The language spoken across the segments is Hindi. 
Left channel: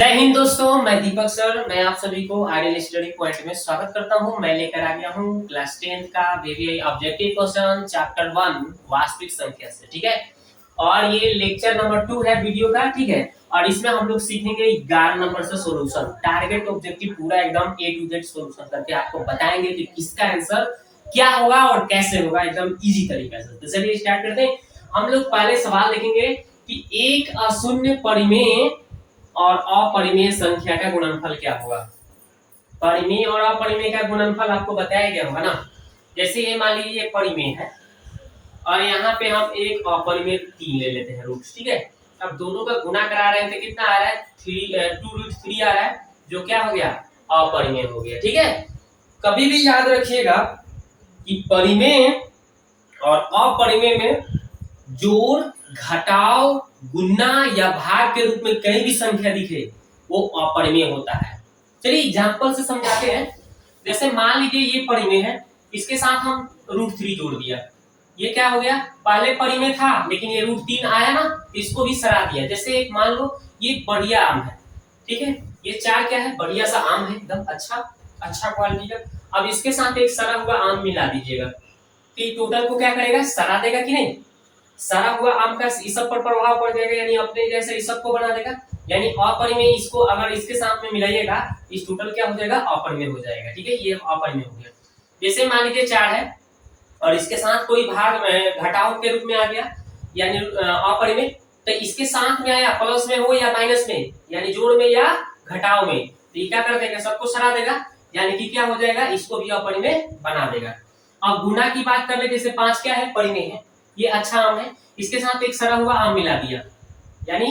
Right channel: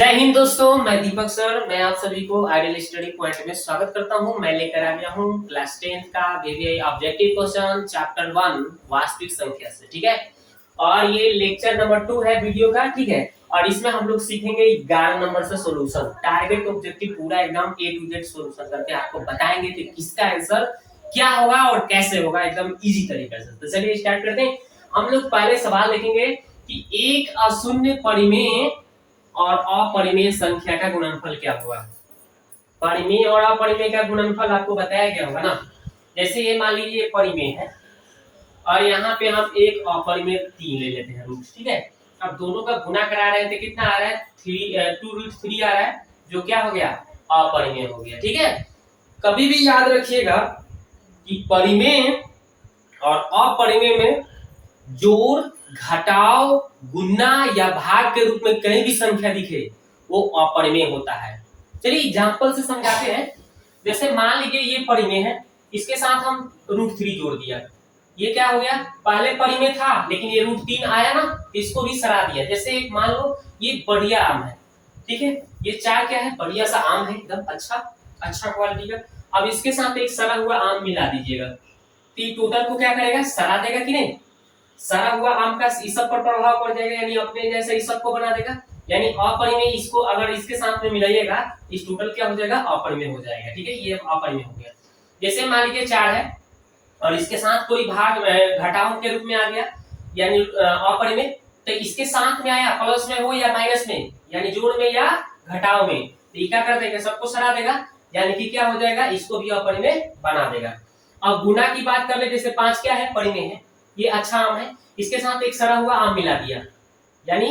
जय हिंद दोस्तों, मैं दीपक सर। मैं आप सभी को आइडियल स्टडी पॉइंट में स्वागत करता हूं। मैं लेकर आ गया हूं क्लास 10th का वीवीआई ऑब्जेक्टिव क्वेश्चन चैप्टर 1 वास्तविक संख्या से। ठीक है, और ये लेक्चर नंबर 2 है वीडियो का। ठीक है, और इसमें हम लोग सीखेंगे 11 नंबर से सॉल्यूशन, टारगेट ऑब्जेक्टिव पूरा एकदम ए टू जेड सॉल्यूशन करके आपको बताएंगे कि किसका आंसर क्या होगा और कैसे होगा, एकदम इजी तरीके से। तो चलिए स्टार्ट करते हैं। हम लोग पहले सवाल देखेंगे कि एक अशून्य परिमेय और अपरिमेय संख्या का गुणनफल क्या होगा। परिमेय और अपरिमेय का गुणनफल आपको बताया गया होगा ना। जैसे ये मान लीजिए परिमेय है और यहाँ पे हम एक अपरिमेय 3 ले लेते हैं रूट। ठीक है, अब दोनों का गुणा करा रहे हैं तो कितना आ रहा है 2√3 आ रहा है, जो क्या हो गया अपरिमेय हो गया। ठीक है, कभी भी याद रखिएगा कि परिमेय और अपरिमेय में जोड़, घटाव, गुणा या भाग के रूप में कहीं भी संख्या दिखे वो अपरिमेय होता है। चलिए एग्जांपल से समझाते हैं। जैसे मान लीजिए ये परिमेय है, इसके साथ हम √3 जोड़ दिया, ये क्या हो गया, पहले परिमेय था लेकिन ये √3 आया ना, तो इसको भी सरा दिया। जैसे एक मान लो ये बढ़िया आम है, ठीक है, ये 4 क्या है, बढ़िया सा आम है, एकदम अच्छा क्वालिटी का। अब इसके साथ एक सरा हुआ आम मिला दीजिएगा, तो टोटल को क्या करेगा, सरा देगा कि नहीं। सरा हुआ आम का इस सब पर प्रभाव पड़ जाएगा, यानी अपने जैसे इस सब को बना देगा, यानी अपरिमेय इसको अगर इसके साथ में मिलाइएगा इस टोटल क्या हो जाएगा, अपरिमेय हो जाएगा। ठीक है, ये अपरिमेय हो गया। जैसे मान लीजिए 4 है और इसके साथ कोई भाग घटाव के रूप में आ गया, यानी अपरिमेय, तो इसके साथ में आया प्लस में हो या माइनस में, यानी जोड़ में या घटाव में, तो ये क्या कर देगा, सबको सरा देगा, यानी कि क्या हो जाएगा, इसको भी अपरिमेय बना देगा। अब गुणा की बात कर ले, जैसे 5 क्या है, परिमेय है, ये अच्छा आम है, इसके साथ एक सड़ा हुआ आम मिला दिया, यानी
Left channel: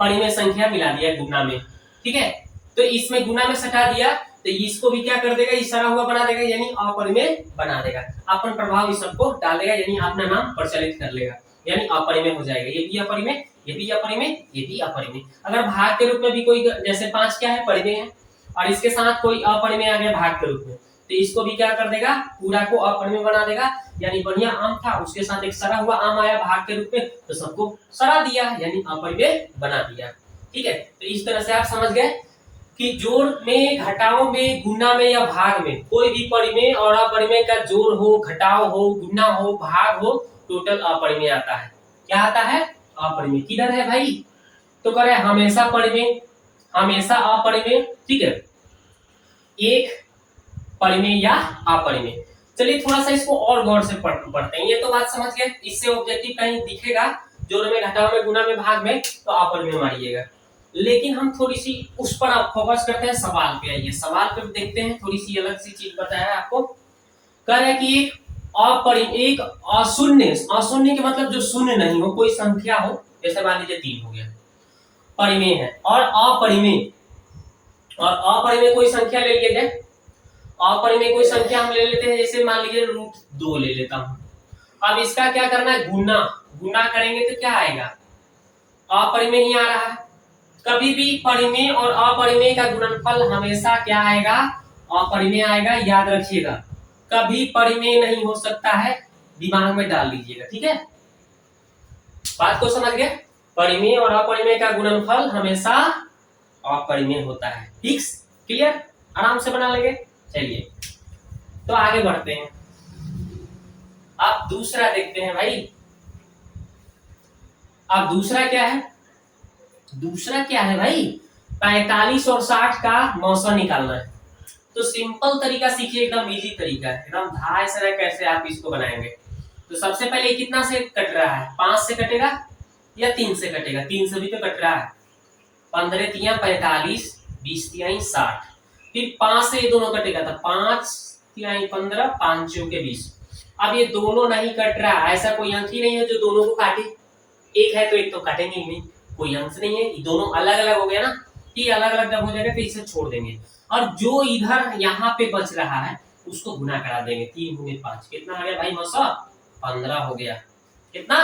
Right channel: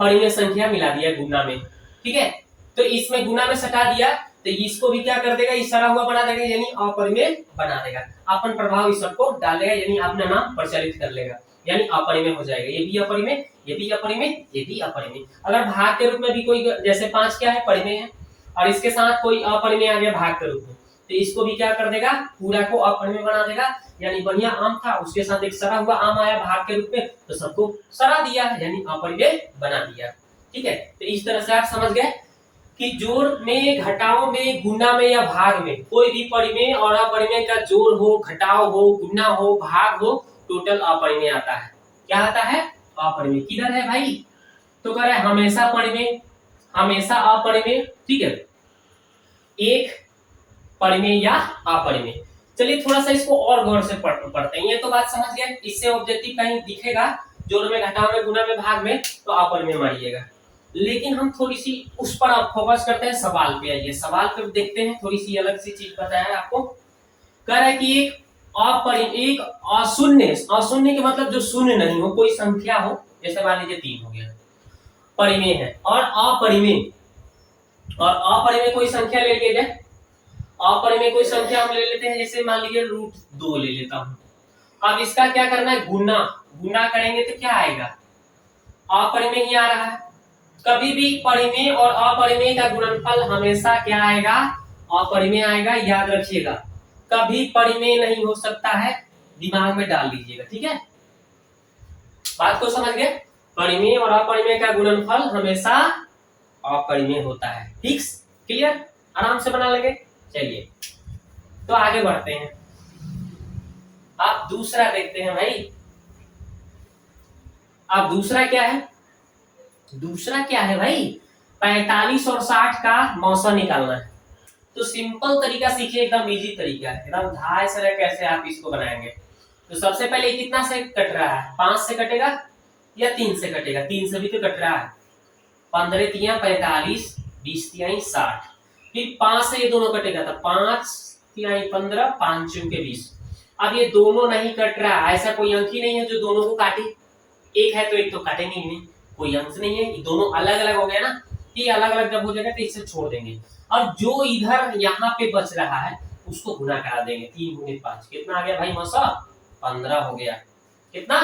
परिमेय संख्या मिला दिया गुणा में। ठीक है, तो इसमें गुणा में सटा दिया तो इसको भी क्या कर देगा, इस सड़ा हुआ बना देगा, यानी अपरिमेय बना देगा। अपन प्रभाव इस सबको डाल देगा, यानी अपना नाम प्रचलित कर लेगा, यानी अपरिमेय हो जाएगा। ये भी अपरिमेय, ये भी अपरिमेय, ये भी अपरिमेय। अगर भाग के रूप में भी कोई, जैसे 5 क्या है, परिमेय है, और इसके साथ कोई अपरिमेय आ गया भाग के रूप में, तो इसको भी क्या कर देगा, पूरा को अपरिमेय बना देगा। यानी बढ़िया आम था, उसके साथ एक सड़ा हुआ आम आया भाग के रूप में, तो सबको सड़ा दिया, यानी अपरिमेय बना दिया। ठीक है, तो इस तरह से आप समझ गए कि जोड़ में, घटाव में, गुणा में या भाग में कोई भी परिमेय और अपरिमेय का जोड़ हो, घटाव हो, गुणा हो, भाग हो, टोटल अपरिमेय आता है। क्या आता है, अपरिमेय। किधर है भाई, तो कह रहे हमेशा परिमेय, हमेशा अपरिमेय। ठीक है, एक परिमेय या अपरिमेय। चलिए थोड़ा सा इसको और गौर से पढ़ते हैं। ये तो बात समझ गए, इससे ऑब्जेक्टिव कहीं दिखेगा जोड़ में, घटाव में, गुणा में, भाग में, तो अपरिमेय मारिएगा। लेकिन हम थोड़ी सी उस पर फोकस करते हैं, सवाल पे आइए। सवाल पे देखते हैं, थोड़ी सी अलग सी चीज बताया आपको। कह रहा है कि एक अपरिमेय, एक अशून्य, अशून्य के मतलब जो शून्य नहीं हो, कोई संख्या हो, जैसे मान लीजिए 3 हो गया, परिमेय है। और अपरिमेय, और अपरिमेय कोई संख्या ले लिया जाए, अपरिमेय कोई संख्या हम ले लेते हैं, जैसे मान लीजिए √2 ले लेता हूं। अब इसका क्या करना है, गुणा, गुणा करेंगे तो क्या आएगा, अपरिमेय ही आ रहा है। कभी भी परिमेय और अपरिमेय का गुणनफल हमेशा क्या आएगा, अपरिमेय आएगा, याद रखिएगा। कभी परिमेय नहीं हो सकता है, दिमाग में डाल लीजिएगा। ठीक है, बात को समझ गए। परिमेय और अपरिमेय का गुणनफल हमेशा अपरिमेय होता है। फिक्स, क्लियर, आराम से बना लेंगे। चलिए तो आगे बढ़ते हैं। अब दूसरा देखते हैं भाई। अब दूसरा क्या है, दूसरा क्या है भाई, 45 और 60 का मौसा निकालना है। तो सिंपल तरीका सीखिए, एकदम इजी तरीका है, एकदम धाय से कैसे आप इसको बनाएंगे। तो सबसे पहले कितना से कट रहा है, 5 से कटेगा या 3 से कटेगा, 3 से भी तो कट रहा है। 15 तिया 45, 20 तिहाई 60, फिर 5 से ये दोनों कटेगा, तो 5 तिहाई 15, 5 चौके 20। अब ये दोनों नहीं कट रहा, ऐसा कोई अंक ही नहीं है जो दोनों को काटे। एक है तो एक तो काटेंगे ही नहीं, कोई अंश नहीं है, दोनों अलग अलग हो गया ना। ये अलग अलग जब हो जाएगा तो इसे छोड़ देंगे, और जो इधर यहाँ पे बच रहा है उसको गुना करा देंगे। 3 गुने 5 कितना आ गया भाई मौसा, 15 हो गया। कितना,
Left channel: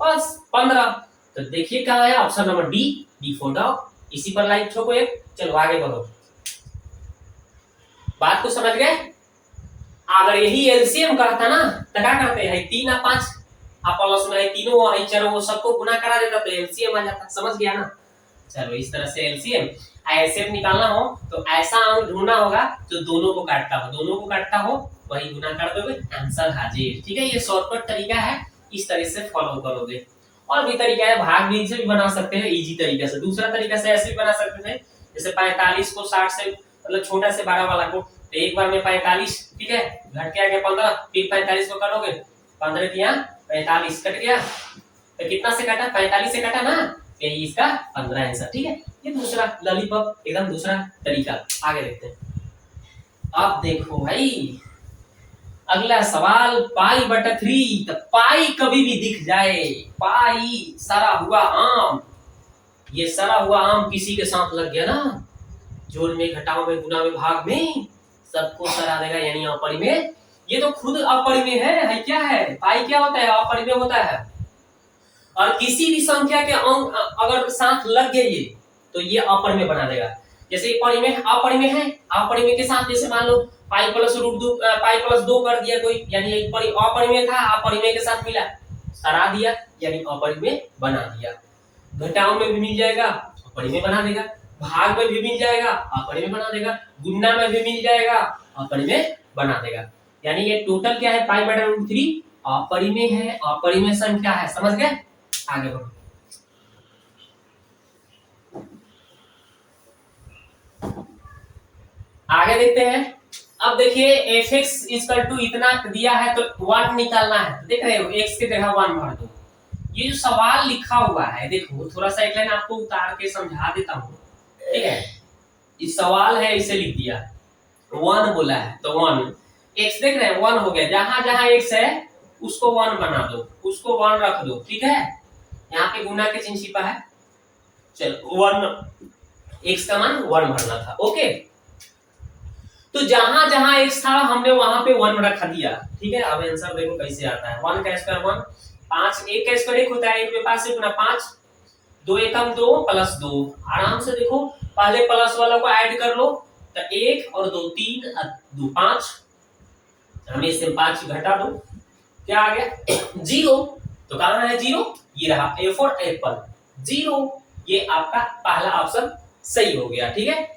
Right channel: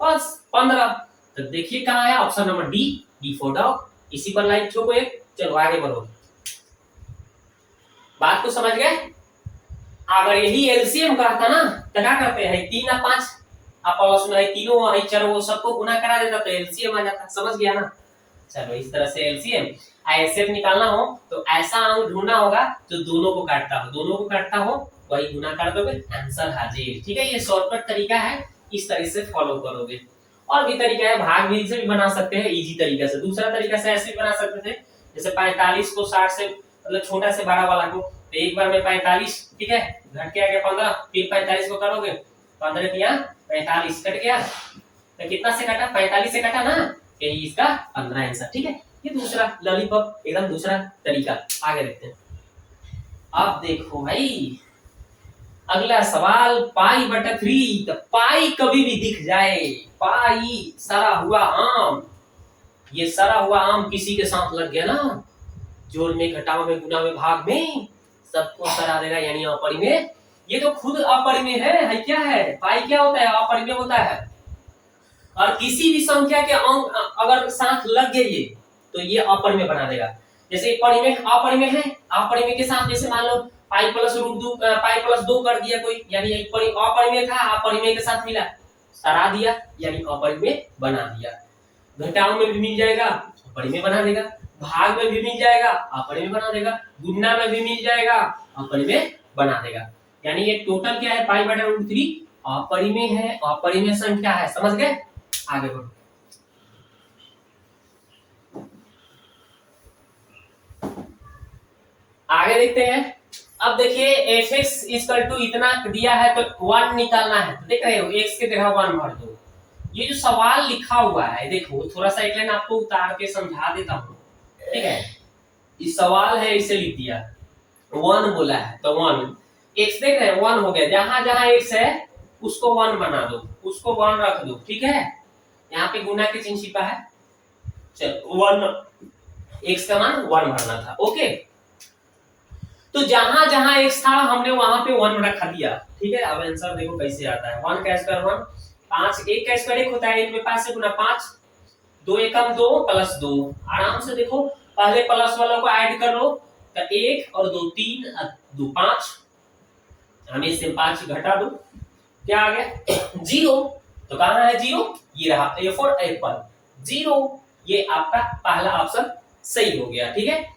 बस 15। तो देखिए कहाँ है, option number D for dog. इसी पर लाइक ठोको एक, चलो आगे बढ़ो। बात को समझ गए। अगर यही एलसीएम करता ना तो क्या करते हैं, 3 और 5 आप प्लस में तीनों चारों सबको गुना करा देता तो एलसीएम आ जाता। समझ गया ना। चलो इस तरह से एलसीएम एचसीएफ निकालना हो तो ऐसा अंक ढूंढना होगा जो दोनों को काटता हो, दोनों को काटता हो वही गुना कर दोगे, आंसर हाजिर। ठीक है, ये शॉर्टकट तरीका है, इस तरह से फॉलो करोगे। और भी तरीका है, भाग भी से भी बना सकते हैं इजी तरीका से। दूसरा तरीका से ऐसे भी बना सकते थे, जैसे 45 को 60 से मतलब छोटा से बड़ा वाला को, तो एक बार में 45, ठीक है, घट के आ गया 15, फिर 45 को करोगे, 15 किया 45 कट गया, तो कितना से कटा, 45 से कटा ना, यही इसका 15 आंसर। ठीक है, ये दूसरा लॉलीपॉप एकदम दूसरा तरीका। आगे देखते हैं। अब देखो भाई अगला सवाल, पाई बटा 3, तो पाई कभी भी दिख जाए, पाई सरा हुआ आम, ये सरा हुआ आम किसी के साथ लग गया ना, जोड़ में, घटाव में, गुना में, भाग में, सबको सरा देगा, यानी अपरिमेय। ये तो खुद अपरिमेय है क्या है, पाई क्या होता है, अपरिमेय होता है। और किसी भी संख्या के अंक अगर साथ लग गए ये, तो ये अपरिमेय बना देगा। जैसे परिमेय अपरिमेय है, अपरिमेय के साथ जैसे मान लो pi plus root 2, pi plus 2 कर दिया कोई, यानी अपरिमेय था, अपरिमेय के साथ मिला, सरा दिया, यानी अपरिमेय बना दिया। घटाव में भी मिल जाएगा, अपरिमेय बना देगा, भाग में भी मिल जाएगा, अपरिमेय बना देगा, गुणा में भी मिल जाएगा, अपरिमेय बना देगा। यानी ये टोटल क्या है, पाई बटा रूट 3 अपरिमेय है, अपरिमेय संख्या है। समझ गए, आगे बढ़ो। आगे देखते हैं। अब देखिए fx इक्वल टू इतना दिया है तो 1 निकालना है, तो देख रहे हो x की जगह 1 भर दो। ये जो सवाल लिखा हुआ है देखो, थोड़ा सा एक लाइन आपको उतार के समझा देता हूँ, ठीक है। इस सवाल है इसे लिख दिया, 1 बोला है तो 1, x देख रहे हैं 1 हो गया, जहां जहां x है उसको 1 बना दो, उसको 1 रख दो, ठीक है। यहाँ पे गुना के चिन्ह छिपा है, चलो 1, x का मान 1 भरना था, ओके। तो जहां जहां x था हमने वहां पे 1 रखा दिया, ठीक है। अब आंसर देखो कैसे आता है, 1 का स्क्वायर 1, 5, 1 का स्क्वायर 1 होता है, 1 में 5 से गुना 5, 2 एकम 2 प्लस 2, आराम से देखो पहले प्लस वाला को ऐड कर लो, तो 1 और 2 3 2 5, हमें इससे 5 घटा दो, क्या आ गया 0। तो कहां है 0, ये रहा, A फॉर एप्पल 0, ये आपका पहला ऑप्शन सही हो गया, ठीक है।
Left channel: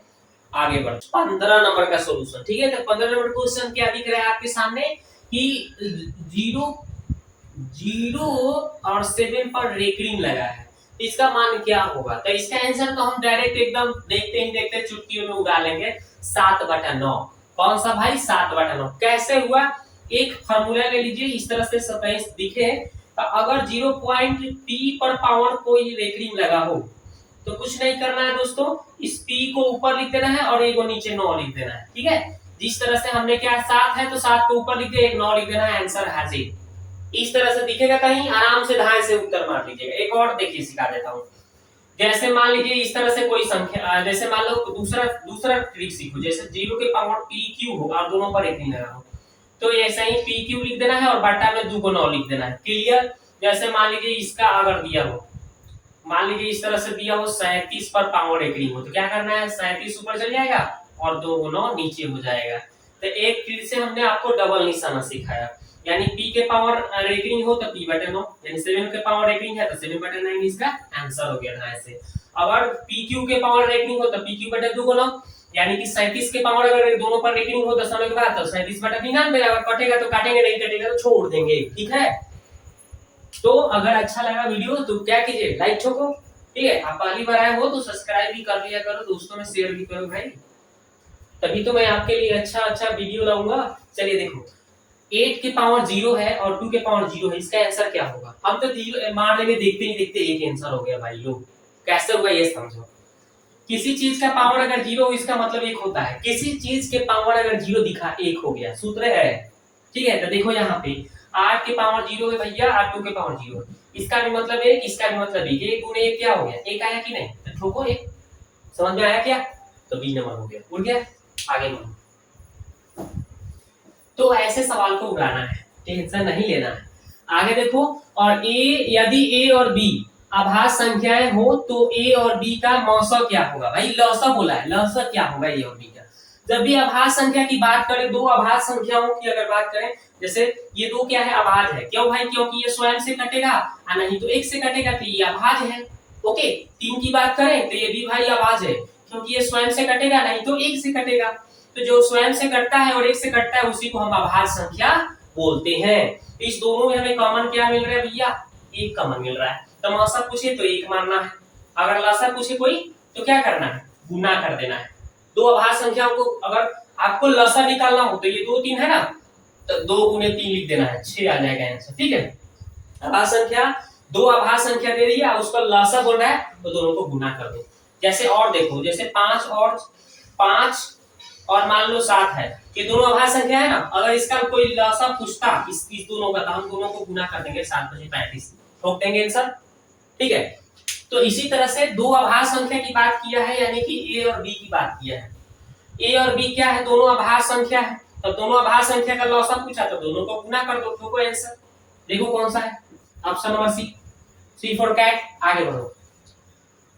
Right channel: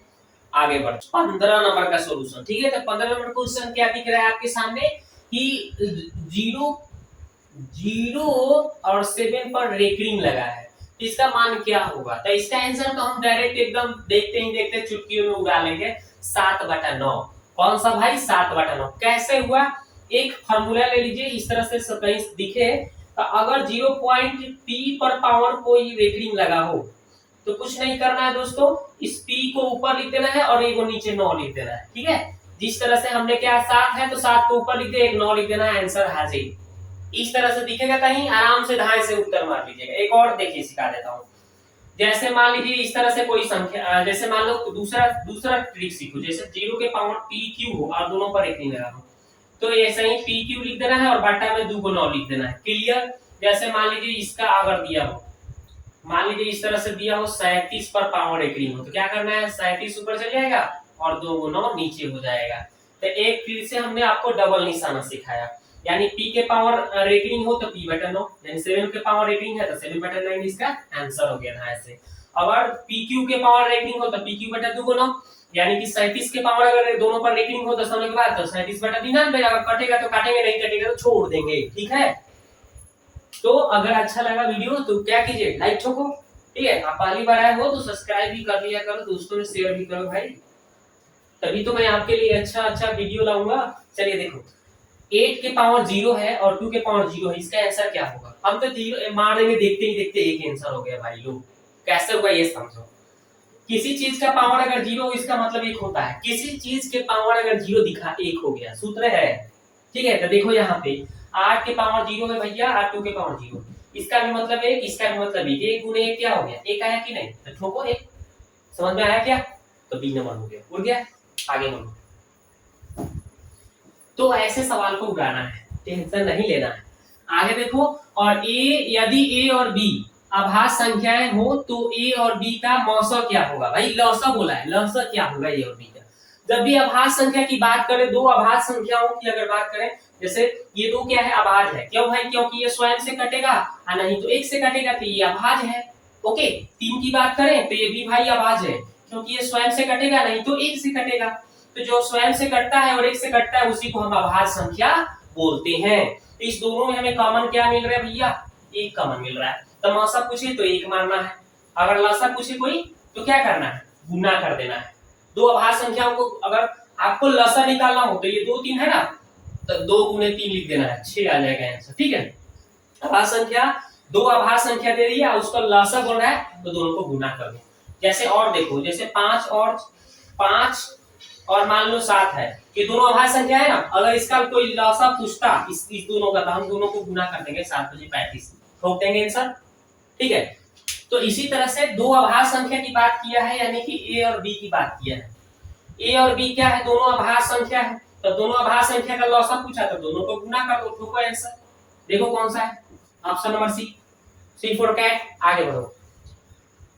आगे बढ़ 15 नंबर का सॉल्यूशन, ठीक है। तो 15 नंबर क्वेश्चन क्या दिख रहा है आपके सामने कि 0 और 7 पर रेकरिंग लगा है, इसका मान क्या होगा। तो इसका आंसर तो हम डायरेक्ट एकदम देखते ही देखते चुटकियों में उगा लेंगे, 7/9। कौन सा भाई, 7/9। कैसे हुआ, एक फार्मूला ले लीजिए, इस तरह से कहीं दिखे तो अगर 0 पॉइंट p पर पावर कोई रेकरिंग लगा हो तो कुछ नहीं करना है दोस्तों, इस p को ऊपर लिख देना है और एक नीचे 9 लिख देना है, ठीक है। जिस तरह से हमने क्या 7 है तो 7 को ऊपर लिख दिया, एक 9 लिख देना है, आंसर हाजिर। इस तरह से दिखेगा, कहीं आराम से धाए से उत्तर मार लीजिएगा। एक और देखिए सिखा देता हूँ, जैसे मान लीजिए इस तरह से कोई संख्या, जैसे मान लो दूसरा ट्रिक सीखो, जैसे 0 के पावर pq हो और दोनों पर एक नहीं लगा हो, तो ऐसे ही pq लिख देना है और बट्टा में 2 को 9 लिख देना है, क्लियर। जैसे मान लीजिए इसका अगर दिया हो, मान लीजिए इस तरह से दिया हो 37 पर पावर रेकरिंग हो, तो क्या करना है, 37 ऊपर चल जाएगा और 2 9 नीचे हो जाएगा। तो एक फिर से हमने आपको डबल निशाना सिखाया, यानी p के पावर रेकरिंग हो तो p/9, यानी 7 के पावर रेकरिंग है तो 7/9 इसका आंसर हो गया था ऐसे। अगर pq के पावर रेकरिंग हो तो pq/2, यानी कि 37 के पावर अगर दोनों पर रेकरिंग हो 10 होने के बाद तो 37/99, अगर कटेगा तो काटेंगे, नहीं कटेगा तो छोड़ देंगे, ठीक है। तो अगर अच्छा लगा वीडियो तो क्या कीजिए, लाइक ठोको, ठीक है। आप पहली बार आए हो तो सब्सक्राइब भी कर लिया करो, दोस्तों में शेयर भी करो भाई, तभी तो मैं आपके लिए अच्छा वीडियो लाऊंगा। चलिए देखो 8 के पावर 0 है और 2 के पावर 0 है, इसका आंसर क्या होगा। हम तो 0 मार देंगे, देखते ही देखते एक आंसर हो गया भाई लोग, कैसे होगा ये समझो। किसी चीज का पावर अगर 0 हो इसका मतलब 1 होता है, किसी चीज के पावर अगर 0 दिखा 1 हो गया, सूत्र है, ठीक है। तो देखो यहाँ पे 8 के पावर 0 है भैया, 8 2 के पावर 0, इसका भी मतलब 1, इसका भी मतलब 1, 1 गुने 1 क्या हो गया, 1 आया कि नहीं, तो ठोको 1, समझ में आया क्या, तो बी नंबर हो गया, उड़ गया। आगे बढ़ो, तो ऐसे सवाल को उड़ाना है, टेंशन नहीं लेना है। आगे देखो, और यदि a और b अभाज्य संख्याएं हो तो a और b का मौसा क्या होगा। भाई लौसा बोला है, लौसा क्या होगा a और b का। जब भी अभाज्य संख्या की बात करें, दो अभाज्य संख्याओं की अगर बात करें, जैसे ये दो क्या है, अभाज्य है, क्यों भाई, क्योंकि ये स्वयं से कटेगा, नहीं तो एक से कटेगा, तो ये अभाज्य है, ओके, 3 की बात करें तो ये भी भाई अभाज्य है, क्योंकि ये स्वयं से कटेगा नहीं तो 1 से कटेगा। तो जो स्वयं से कटता है और 1 से कटता है उसी को हम अभाज्य संख्या बोलते हैं। तो इस दोनों में हमें कॉमन क्या मिल रहा है भैया? 1 कॉमन मिल रहा है। तो मौसा पूछे तो 1 मारना है, अगर लसा पूछे कोई तो क्या करना है? गुना कर देना है। दो अभाज्य संख्याओं को अगर आपको लसा निकालना हो तो ये 2 3 है ना, तो 2 गुने 3 लिख देना है, 6 आ जाएगा आंसर। ठीक है, अभाज्य संख्या दो अभाज्य संख्या दे रही है, उसका लसा बोल रहा है तो दोनों को गुना कर दो। जैसे और देखो, जैसे 5 और मान लो 7 है, ये दोनों अभाज्य संख्या है ना, अगर इसका कोई लसा पूछता इस दोनों का, तो हम दोनों को गुना कर देंगे, 7 बजे 35 ठोक देंगे आंसर। ठीक है, तो इसी तरह से दो अभाज्य संख्या की बात किया है, यानी कि ए और बी की बात किया है। ए और बी क्या है? दोनों अभाज्य संख्या है, तो दोनों अभाज्य संख्या का लसा पूछा तो दोनों को गुना कर दो, ठोको आंसर। देखो कौन सा है, option number C for cat. आगे बढ़ो,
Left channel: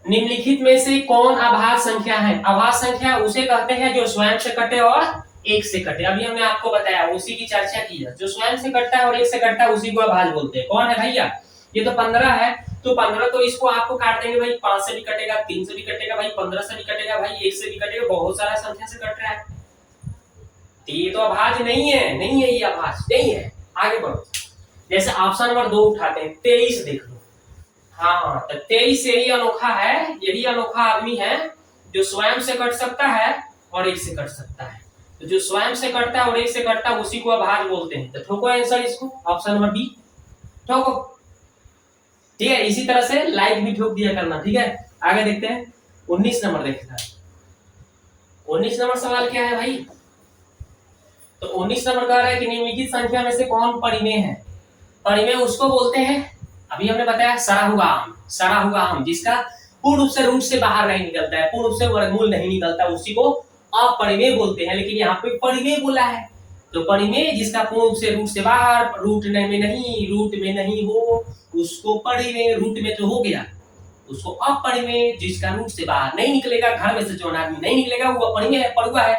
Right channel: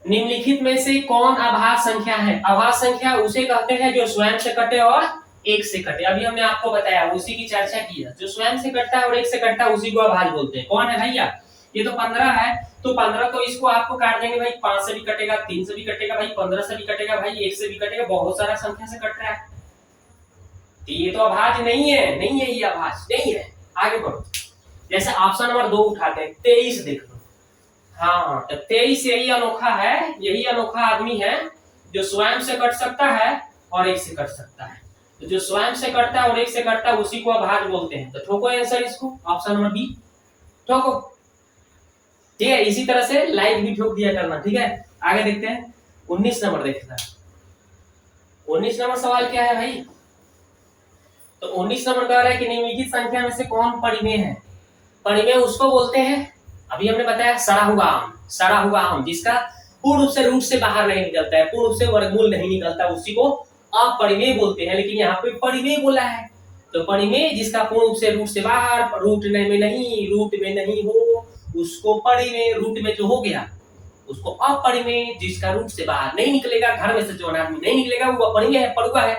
निम्नलिखित में से कौन अभाज्य संख्या है? अभाज्य संख्या उसे कहते हैं जो स्वयं से कटे और 1 से कटे। अभी हमने आपको बताया, उसी की चर्चा की है। जो स्वयं से कटता है और 1 से कटता है उसी को अभाज्य बोलते हैं। कौन है भैया? ये तो 15 है, तो 15 तो इसको आपको काट देंगे भाई, 5 से भी कटेगा, 3 से भी कटेगा भाई, 15 से भी कटेगा भाई, 1 से भी कटेगा, बहुत सारा संख्या से कट रहा है। तो ये तो अभाज्य नहीं है, नहीं है, ये अभाज्य नहीं है। आगे बढ़ो, जैसे ऑप्शन नंबर 2 उठाते हैं, 23 देख लो। हाँ, तो 23 यही अनोखा है, यही अनोखा आदमी है जो स्वयं से कट सकता है और 1 से कट सकता है। तो जो स्वयं से कटता है और 1 से कटता है उसी को अभाज्य बोलते हैं। तो ठोको आंसर इसको, ऑप्शन नंबर बी ठोको। ठीक है, इसी तरह से लाइक भी ठोक दिया करना। ठीक है, आगे देखते हैं, 19 नंबर देखते हैं। 19 नंबर सवाल क्या है भाई? तो 19 नंबर कह रहा है कि निम्नलिखित संख्या में से कौन परिमेय है? परिमेय उसको बोलते हैं, अभी हमने बताया, सड़ा हुआ आम। सड़ा हुआ आम जिसका पूर्ण रूप से रूट से बाहर नहीं निकलता है, पूर्ण रूप से वर्गमूल नहीं निकलता, उसी को अपरिमेय बोलते हैं। लेकिन यहाँ पे परिमेय बोला है, तो परिमेय जिसका पूर्ण रूप से रूट से बाहर, रूट में नहीं हो उसको परिमेय, रूट में जो हो गया उसको अपरिमेय, जिसका रूट से बाहर नहीं निकलेगा, घर में से जो आदमी नहीं निकलेगा वो अपरिमेय है, पड़ुआ है।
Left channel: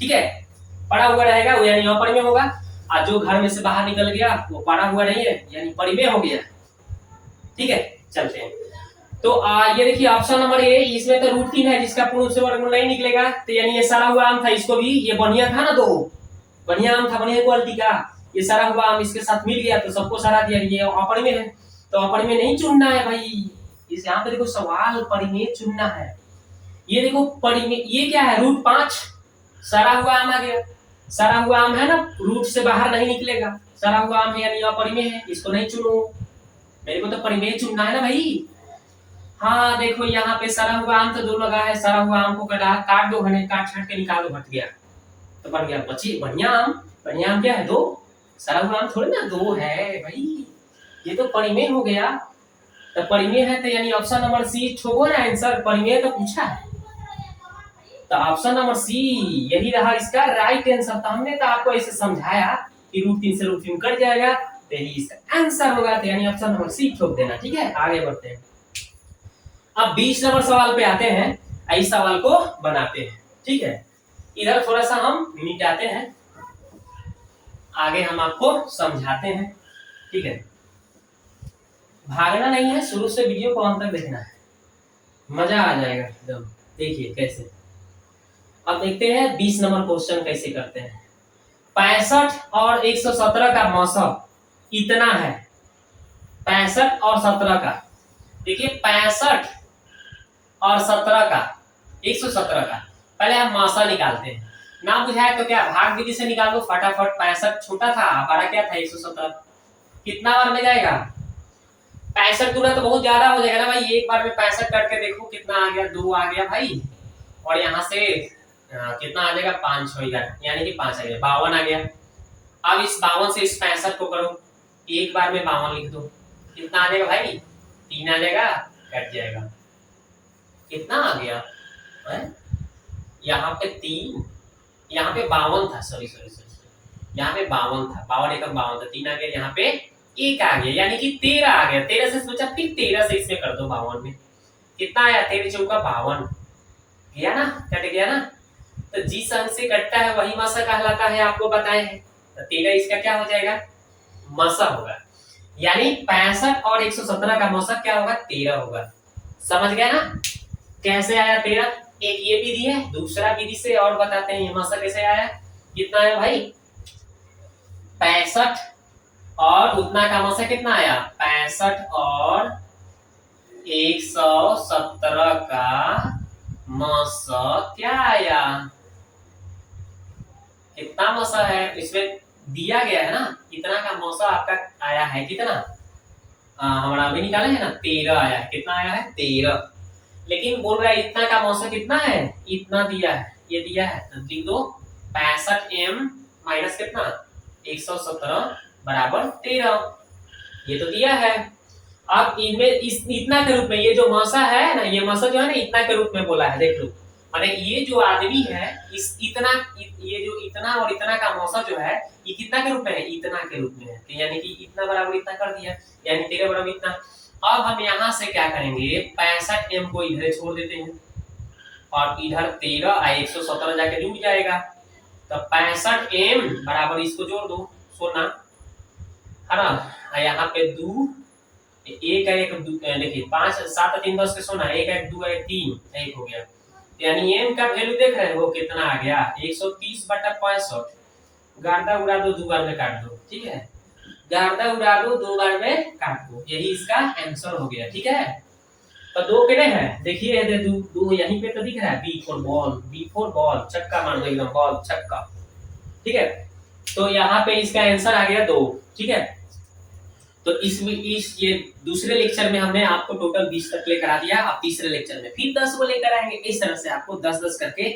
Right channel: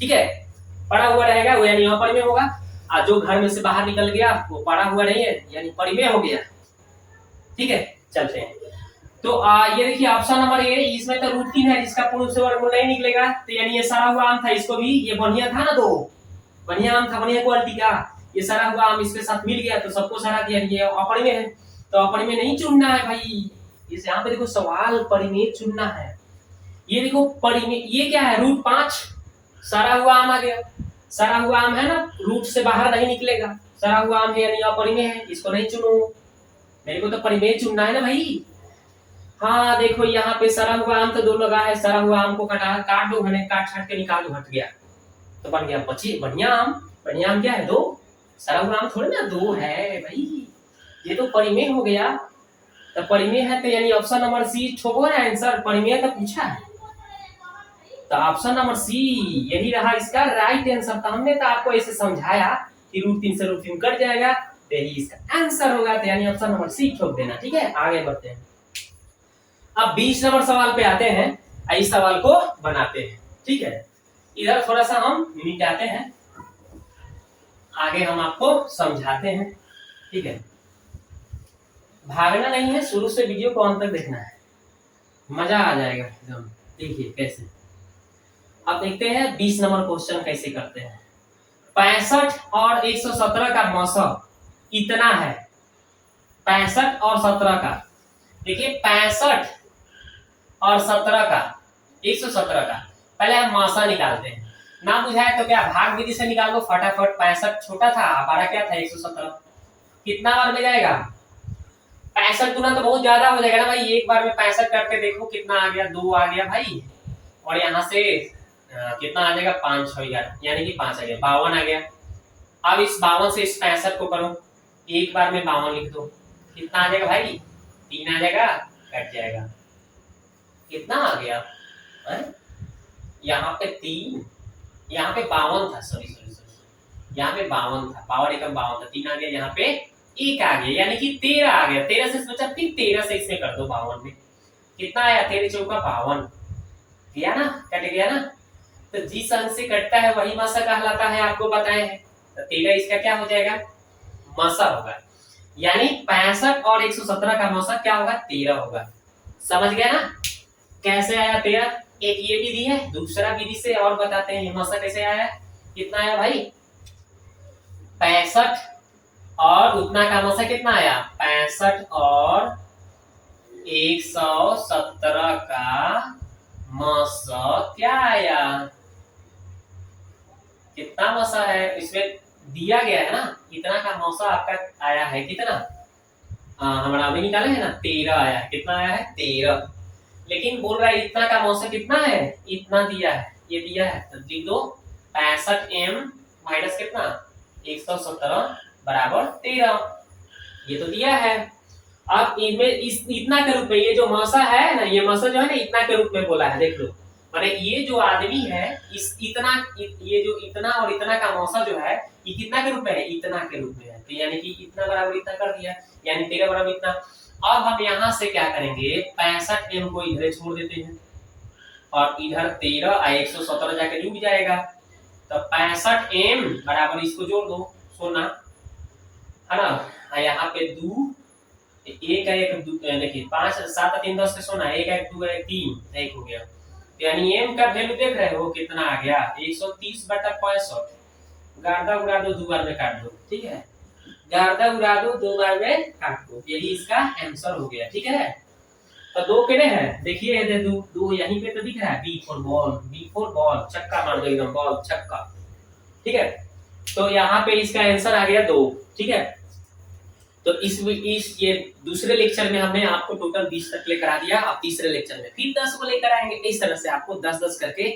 ठीक है, पड़ा हुआ रहेगा वो यानी अपरिमेय होगा, और जो घर में से बाहर निकल गया वो पड़ा हुआ नहीं है यानी परिमेय हो गया। ठीक है, चलते हैं। तो ये देखिए ऑप्शन नंबर ए, इसमें तो रूट 3 है जिसका पूर्ण रूप से वर्गमूल नहीं निकलेगा, तो यानी ये सड़ा हुआ आम था, इसको भी ये बढ़िया था ना, दो बढ़िया आम था, बढ़िया क्वालिटी का, ये सड़ा हुआ आम इसके साथ मिल गया तो सबको सड़ा दिया, ये अपरिमेय है। तो अपरिमेय नहीं चुनना है भाई, इस यहाँ पे देखो सवाल परिमेय चुनना है। ये देखो परिमेय, ये क्या है? रूट 5, सड़ा हुआ आम आ गया। सड़ा हुआ आम है ना, रूट से बाहर नहीं निकलेगा, सड़ा हुआ आम है यानी अपरिमेय है, इसको नहीं चुनो, मेरे को तो परिमेय चुनना है ना भाई। हाँ देखो यहाँ पे सड़ा हुआ आम तो 2 लगा है, सड़ा हुआ आम को काट दो, घने काट छाट के निकाल दो, हट गया तो बन गया बची बढ़िया आम। बढ़िया आम क्या है? 2। सड़ा हुआ आम थोड़ी ना 2 है भाई, ये तो परिमेय हो गया। तो परिमेय है तो यानी ऑप्शन नंबर सी ठोको ना आंसर, परिमेय तो पूछा है, तो ऑप्शन नंबर सी यही रहा इसका राइट आंसर। तो हमने तो आपको ऐसे समझाया कि रूट 3 से रूट 3 कट जाएगा, तो यही इसका आंसर होगा, तो यानी ऑप्शन नंबर सी ठोक देना। ठीक है, आगे बढ़ते हैं। अब 20 नंबर सवाल पे आते हैं, इस सवाल को बनाते हैं। ठीक है, इधर थोड़ा सा हम मिटाते हैं, आगे हम आपको समझाते हैं। ठीक है, भागना नहीं है, शुरू से वीडियो को अंत तक देखना है, मजा आ जाएगा एकदम। देखिए कैसे, अब देखते हैं 20 नंबर क्वेश्चन कैसे करते हैं। 65 और 117 का मौसम इतना है, 65 और 17 का, देखिए 65 और 17 का, 117 का, पहले हम मासा निकालते हैं। ना बुझाए तो क्या भाग विधि से निकाल दो फटाफट। 65 छोटा था, बड़ा क्या था? 117। कितना बार में जाएगा? 65 गुना तो बहुत ज्यादा हो जाएगा ना भाई, एक बार में 65 करके देखो कितना आ गया, 2 आ गया भाई, और यहाँ से कितना आ जाएगा? 5 6 11 यानी कि 5 आ गया, 52 आ गया। अब इस 52 से इस 65 को करो, एक बार में 52 लिख दो, कितना आ जाएगा भाई? 3 आ जाएगा, कट जाएगा, कितना आ गया? यहाँ पे 3, यहाँ पे 52 था, सॉरी यहाँ पे 52 था, 52 एकम 52 था, 3 आ गया, यहाँ पे 1 आ गया यानी कि 13 आ गया। 13 से सोचा, फिर 13 से इसमें कर दो 52 में, कितना आया? 13 चौका 52 गया ना, कट गया ना। तो जिस अंक से कटता है वही मासा कहलाता है, आपको बताए हैं। तो 13 इसका क्या हो जाएगा? मासा होगा, यानी 65 और 117 का मासा क्या होगा? 13 होगा। समझ गया ना कैसे आया 13? एक ये विधि है, दूसरा विधि से और बताते हैं ये मसा कैसे आया। कितना है भाई 65, और उतना का मसा कितना आया 65, और 117 का मसा क्या आया, कितना मसा है इसमें दिया गया है ना, इतना का मौसा आपका आया है कितना, हमारा अभी निकाले है ना 13 आया है। कितना आया है 13, लेकिन बोल रहा है इतना का मौसा कितना है, इतना दिया है, ये दिया है तो लिख दो 65m माइनस कितना 117 बराबर 13, ये तो दिया है। अब इनमें इस इतना के रूप में ये जो मौसा है ना, ये मौसा जो है ना इतना के रूप में बोला है, देख लो माने ये जो आदमी है इस इतना ये जो इतना और इतना का मौसा जो है ये कितना के रूप में है, इतना के रूप में है, तो यानी कि इतना बराबर इतना कर दिया, यानी 13 बराबर इतना। अब हम यहाँ से क्या करेंगे 65m को इधर छोड़ देते हैं, और इधर 13 और 117 जाके जुड़ जाएगा, तो 65m बराबर इसको जोड़ दो सोना है ना, यहाँ पे 2 एक है एक देखिए 5 7 3 10 के सोना, एक 1 2 1 3 एक हो गया, यानी m का वैल्यू देख रहे हो कितना आ गया 130/65, गार्दा उड़ा दो 2 बार में काट दो, ठीक है, गार्दा उड़ा दो 2 बार में काट दो, यही इसका आंसर हो गया, ठीक है। तो 2 कितने हैं देखिए, दे दो यहीं पे तो दिख रहा है बी फॉर बॉल, छक्का मार दो एकदम, बॉल छक्का, ठीक है। तो यहाँ पे इसका आंसर आ गया 2, ठीक है। तो इस ये दूसरे लेक्चर में हमने आपको टोटल 20 तक लेकर आ दिया, अब तीसरे लेक्चर में फिर 10 को लेकर आएंगे, इस तरह से आपको 10-10 करके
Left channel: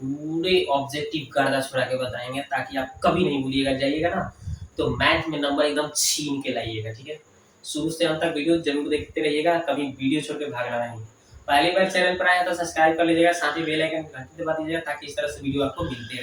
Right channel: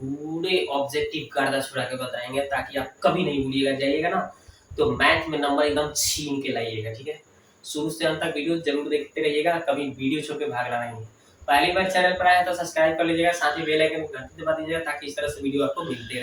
पूरे ऑब्जेक्टिव गर्दा छुड़ा के बताएंगे, ताकि आप कभी नहीं भूलिएगा, जाइएगा ना तो मैथ में नंबर एकदम छीन के लाइएगा, ठीक है। शुरू से अंत तक वीडियो जरूर देखते रहिएगा, कभी वीडियो छोड़ के भागना नहीं। पहली बार चैनल पर आया तो सब्सक्राइब कर लीजिएगा, साथ ही बेल आइकन घंटी दबा दीजिएगा, ताकि इस तरह से वीडियो आपको मिलते रहे।